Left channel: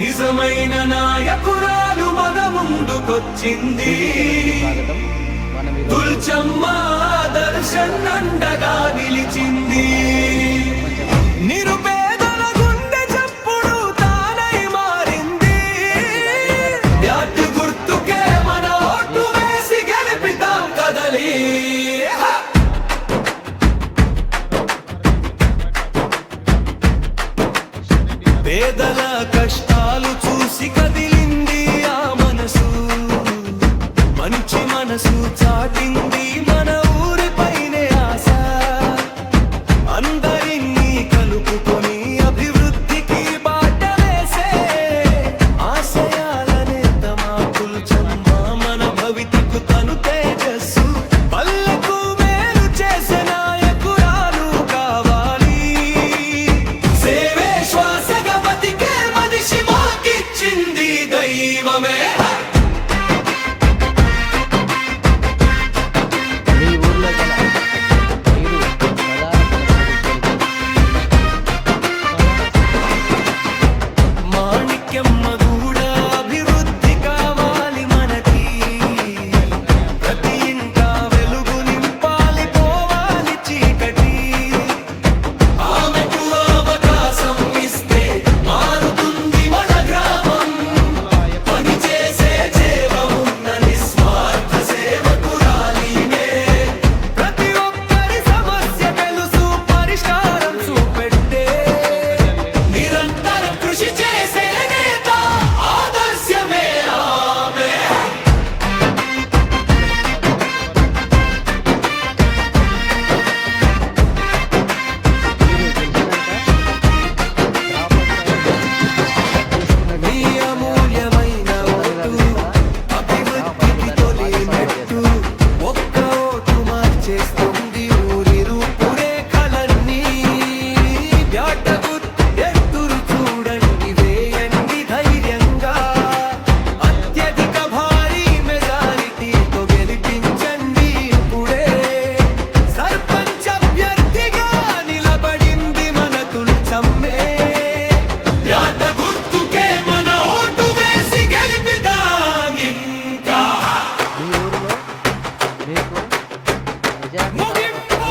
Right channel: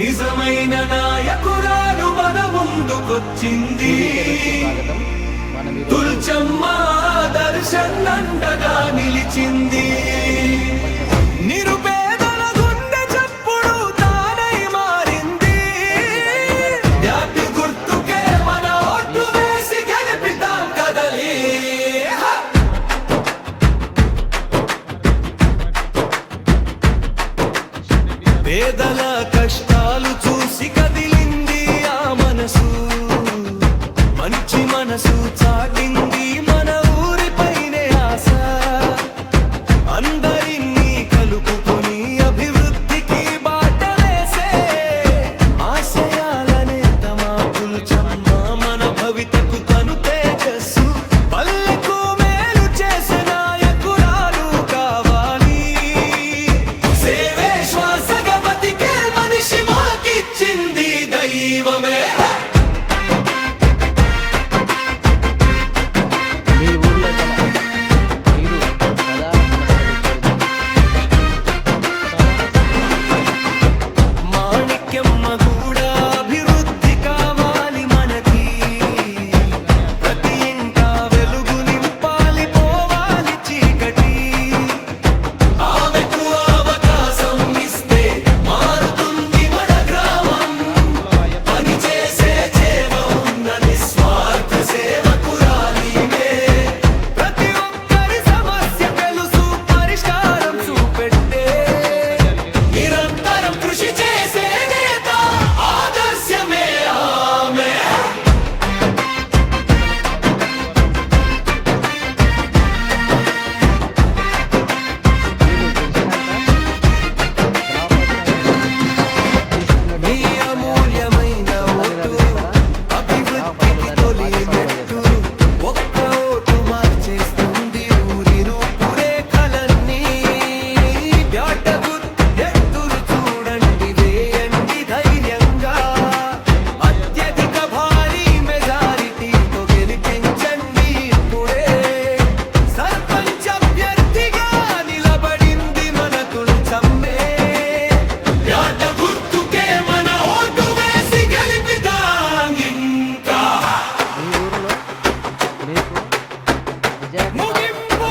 నిజమైన నాయకురాలు మన ముందుకొచ్చింది. తుల్చమ్మ దర్శనండగా నిలిచింది. నిరుపేదల గుండె చప్పుడు తానై మారింది. జాతి గుర్తుకే మన ఓటు వేసి గెలిపిద్దాం కదలి. పేదల కష్టాలు చూసి కదిలింది ఆ మనసు. మంచి మనసు చాటింది మన ఊరిపైనే ఆశ. అందరినీ కలుపుకొని అభివృద్ధికి బాట వేసే ఆశయాలనే తమాకులు చమ్మ. మన భవితకు తను తేజస్సు. పల్లెకు మేలు చేసే నాయకురాలు కావాలి. సేవే శ్వాసగా బతికే మనిషి మాకిచ్చింది దైవమే. మీ ఊర్లో గల నీరు ప్రధాన సమస్యలు మాణిక్యమ్మ కూడా అభివృద్ధి కావాలి మనకి. ప్రతి ఇంట వెలుగు నింపాలి, పోవాలి చీకటి. ఆమెకు అవకాశం ఇస్తే మారుతుంది మన గ్రామం. పని చేసే చేవ ఉన్న నిస్వార్థ సేవకురాలిమే. ప్రతి ఒక్కరి సమస్య తెలుసు, పరిష్కారం చూపెట్టే. నిరంతరం కృషి చేసే నేత, ఆదర్శమే ఆమె. మీరు గెలిచినాక గ్రామ పంచాయతీ తీసుకునే నీ అమూల్యమైన ఓటు అభివృద్ధికి తొలి మెట్టు. ఒక్క ఓటు మార్చేస్తుంది ఊరి రూపురేఖలన్నీ. ఎత్తురు చూడండి, వేయండి ధైర్యంగా. అత్యధిక భారీ మెజారిటీతో గెలిపించండి ఇప్పుడే. సర్పంచ్ అభ్యర్థిగా నిలబడింది మన తుల్చమ్మే. యాట గుర్తుకే మన ఓటు వేసి గెలిపిద్దాం ఇంకా. మీ ఊరిలో మీకు మెజారిటీ ముగింపు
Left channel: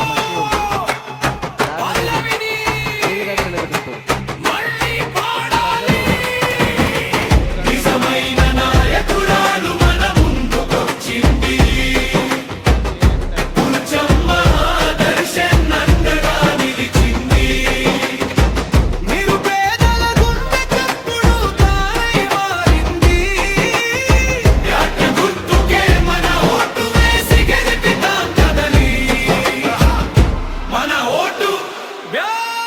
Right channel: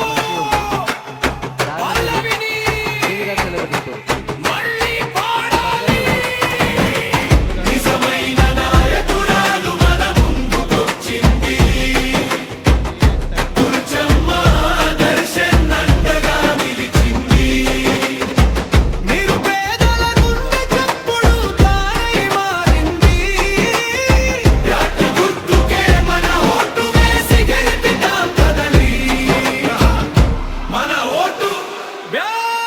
దాన్ని పల్లవిని ఏ విధంగా నిలబెట్టుకుంటారు? మళ్ళీ పాడాలి. నిజమైన నాయకురాలు మన ముందుకొచ్చింది. తుల్చమ్మ దర్శనండగా నిలిచింది. నిరుపేదల గుండె చప్పుడు తానై మారింది. యాట గుర్తుకే మన ఓటు వేసి గెలిపిద్దాం కదలి. మన ఓటు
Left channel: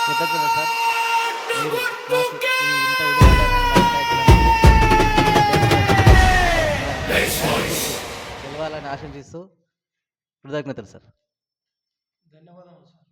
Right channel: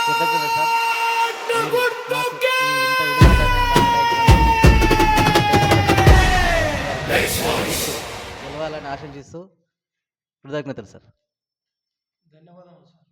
కృతజ్ఞతలు సార్. బ్యాట్ మీరు మాకు గుర్తుకే. ఈ ఇంత విలువైన గుర్తు గెలవాలని ఆశించిస్తూ కృతజ్ఞతలు సార్. ధన్యవాదాలు సార్.